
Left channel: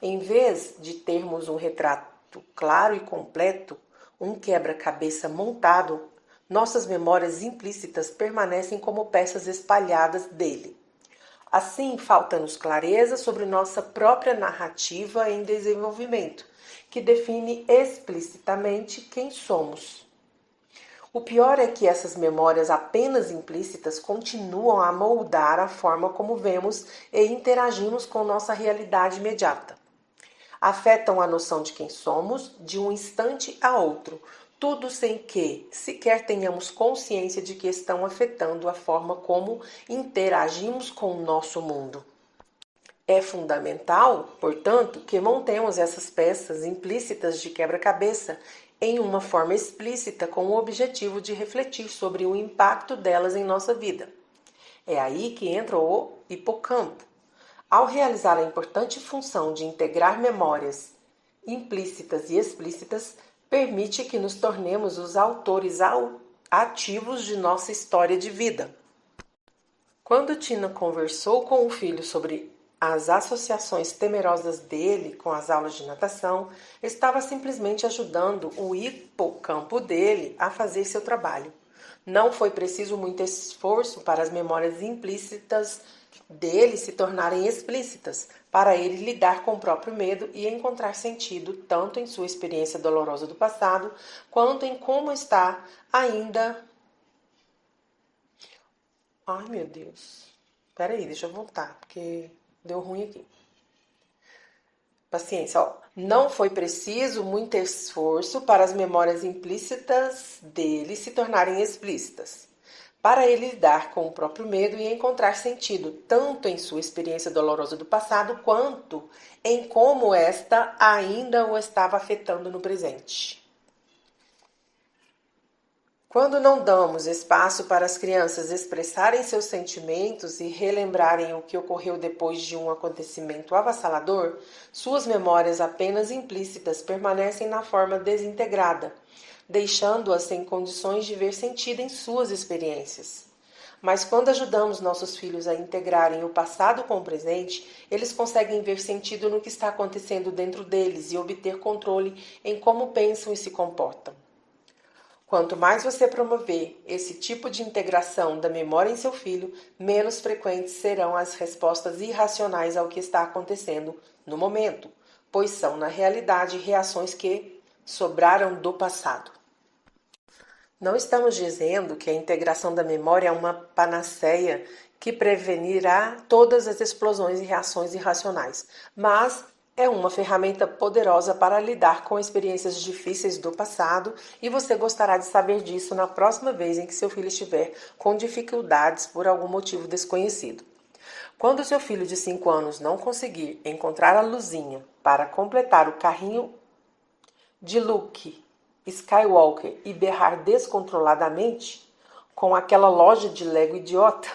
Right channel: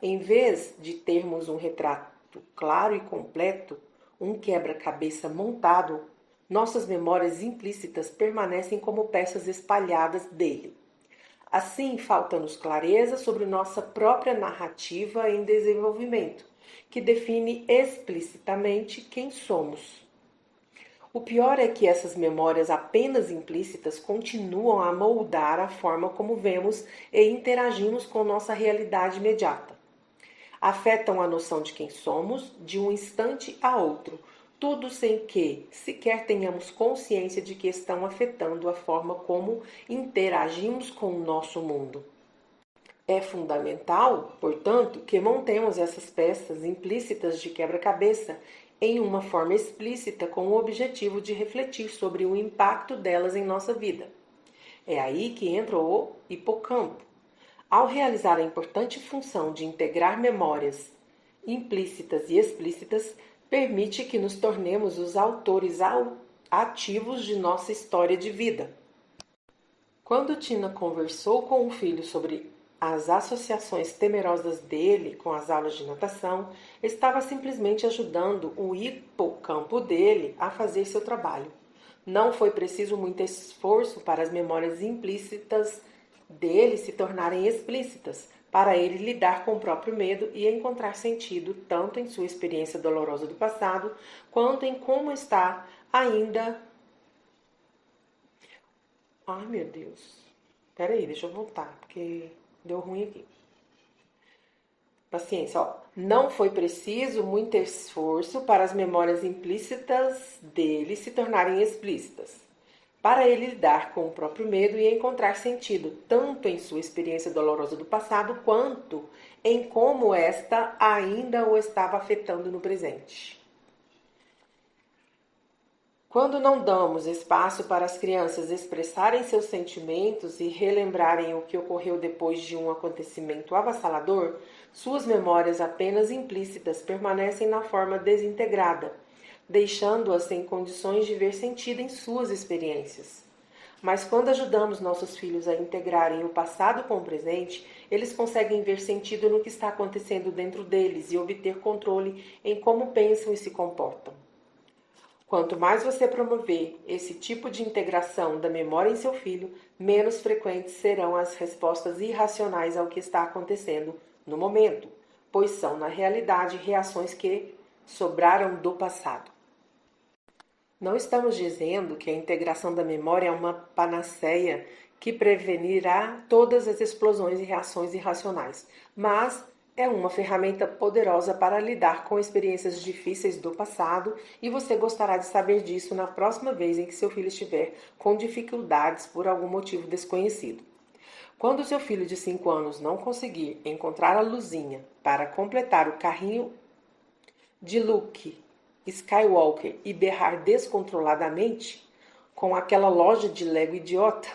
Em vez de termos um retrato claro e completo, um quebra-cabeça montado, nossas memórias implícitas permanecem como peças espalhadas dele. Assim, falta-nos clareza sobre nossa própria narrativa em desenvolvimento, que define explicitamente quem somos. O pior é que essas memórias apenas implícitas continuam a moldar a forma como vemos e interagimos com nossa realidade imediata. Afetam a noção de quem somos de um instante a outro, tudo sem que sequer tenhamos consciência de que estão afetando a forma como interagimos com o nosso mundo. É fundamental, portanto, que montemos essas peças implícitas de quebra-cabeça em uma forma explícita com o objetivo de refletir sobre o impacto delas em nossa vida. É aí que entra o hipocampo. Ao realizar a importante função de integrar memórias implícitas e explícitas, permite que nos tornemos os autores ativos de nossa história de vida. Quando Tina conversou com o filho sobre as associações temerosas dele com as aulas de natação, estava simplesmente ajudando o hipocampo dele a fazer seu trabalho. Não foi preciso muito esforço para as memórias implícitas dele se tornarem explícitas, para ele lidar com o próprio medo e encontrar sentido tanto em sua experiência dolorosa do passado, quanto em como está ainda... Ai, meu Deus. Peraí, deixa eu voltar, porque deu ruim aqui. Paciência, ó. Não foi preciso muito esforço para as memórias implícitas dele se tornarem explícitas, para ele lidar com o próprio medo e encontrar sentido, tanto em sua experiência dolorosa do passado, quanto em como esta ainda o estava afetando no presente. Quando não damos espaço para as crianças expressarem seus sentimentos e relembrarem o que ocorreu depois de um acontecimento avassalador, suas memórias apenas implícitas permanecem na forma desintegrada, deixando-as sem condições de ver sentido em suas experiências. Mas quando ajudamos nossos filhos a integrarem o passado com o presente, eles conseguem ver sentido no que está acontecendo dentro deles e obter controle em como pensam e se comportam. Quanto mais você promover esse tipo de integração da memória em seu filho, menos frequentes serão as respostas irracionais ao que está acontecendo no momento, pois são, na realidade, reações que sobraram do passado. Não estamos dizendo que a integração da memória é uma panaceia que prevenirá todas as explosões e reações irracionais, mas é uma ferramenta poderosa para lidar com experiências difíceis do passado e você gostará de saber disso na próxima vez em que seu filho estiver com dificuldades por algum motivo desconhecido. Quando seu filho de 5 anos não conseguir encontrar a luzinha para completar o carrinho de Luke Skywalker e berrar descontroladamente com aquela loja de Lego idiota,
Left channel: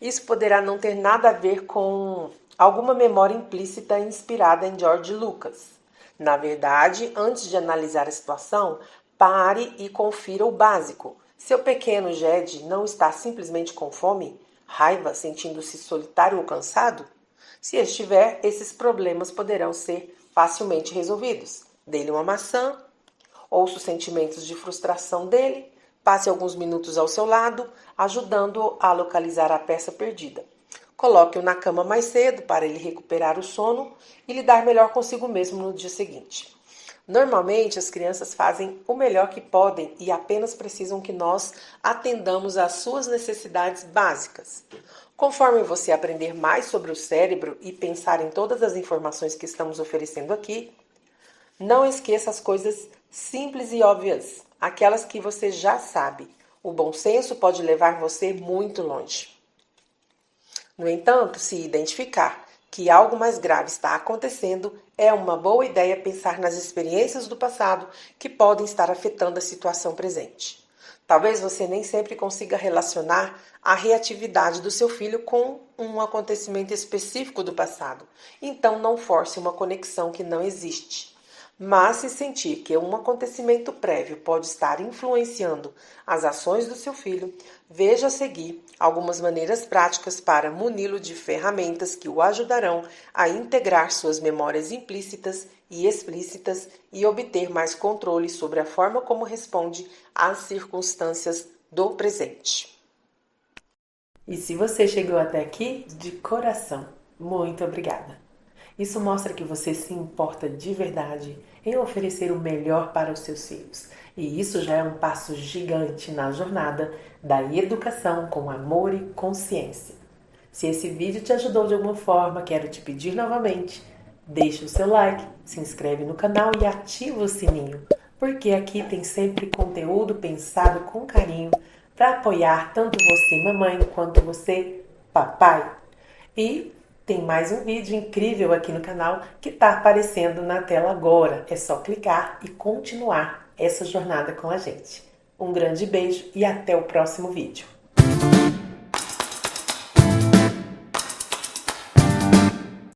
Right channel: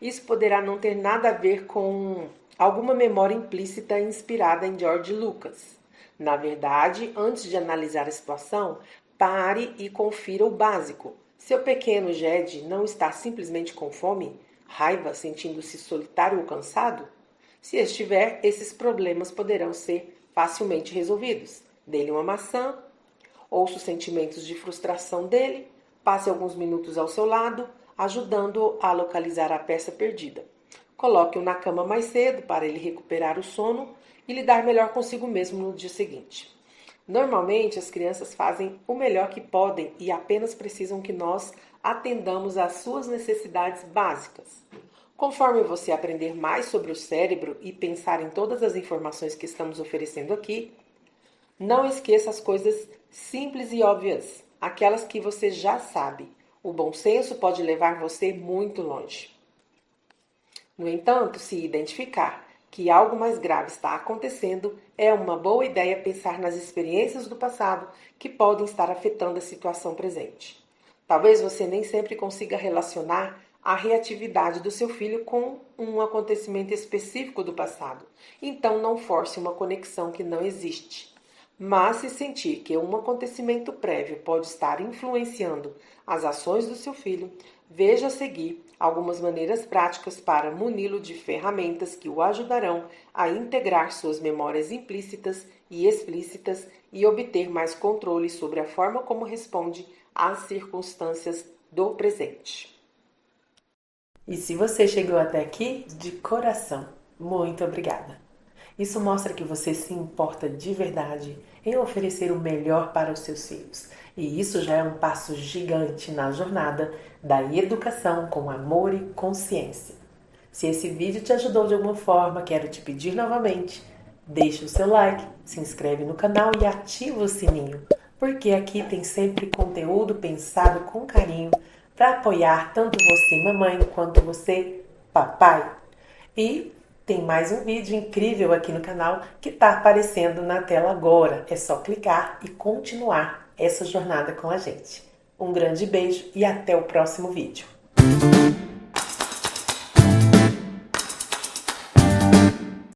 isso poderá não ter nada a ver com alguma memória implícita inspirada em George Lucas. Na verdade, antes de analisar a situação, pare e confira o básico. Seu pequeno Jed não está simplesmente com fome, raiva, sentindo-se solitário ou cansado? Se estiver, esses problemas poderão ser facilmente resolvidos. Dê-lhe uma maçã, ouça os sentimentos de frustração dele, passe alguns minutos ao seu lado, ajudando-o a localizar a peça perdida. Coloque-o na cama mais cedo para ele recuperar o sono e lidar melhor consigo mesmo no dia seguinte. Normalmente, as crianças fazem o melhor que podem e apenas precisam que nós atendamos às suas necessidades básicas. Conforme você aprender mais sobre o cérebro e pensar em todas as informações que estamos oferecendo aqui, não esqueça as coisas simples e óbvias, aquelas que você já sabe. O bom senso pode levar você muito longe. No entanto, se identificar que algo mais grave está acontecendo, é uma boa ideia pensar nas experiências do passado que podem estar afetando a situação presente. Talvez você nem sempre consiga relacionar a reatividade do seu filho com um acontecimento específico do passado, então não force uma conexão que não existe. Mas se sentir que um acontecimento prévio pode estar influenciando as ações do seu filho, veja a seguir algumas maneiras práticas para muni-lo de ferramentas que o ajudarão a integrar suas memórias implícitas e explícitas e obter mais controle sobre a forma como responde às circunstâncias do presente. E se você chegou até aqui, de coração, muito obrigada! Isso mostra que você se importa de verdade em oferecer o melhor para os seus filhos. E isso já é um passo gigante na jornada da educação com amor e consciência. Se esse vídeo te ajudou de alguma forma, quero te pedir novamente, deixa o seu like, se inscreve no canal e ativa o sininho, porque aqui tem sempre conteúdo pensado com carinho para apoiar tanto você, mamãe, quanto você, papai. E tem mais um vídeo incrível aqui no canal que está aparecendo na tela agora. É só clicar e continuar essa jornada com a gente. Um grande beijo e até o próximo vídeo.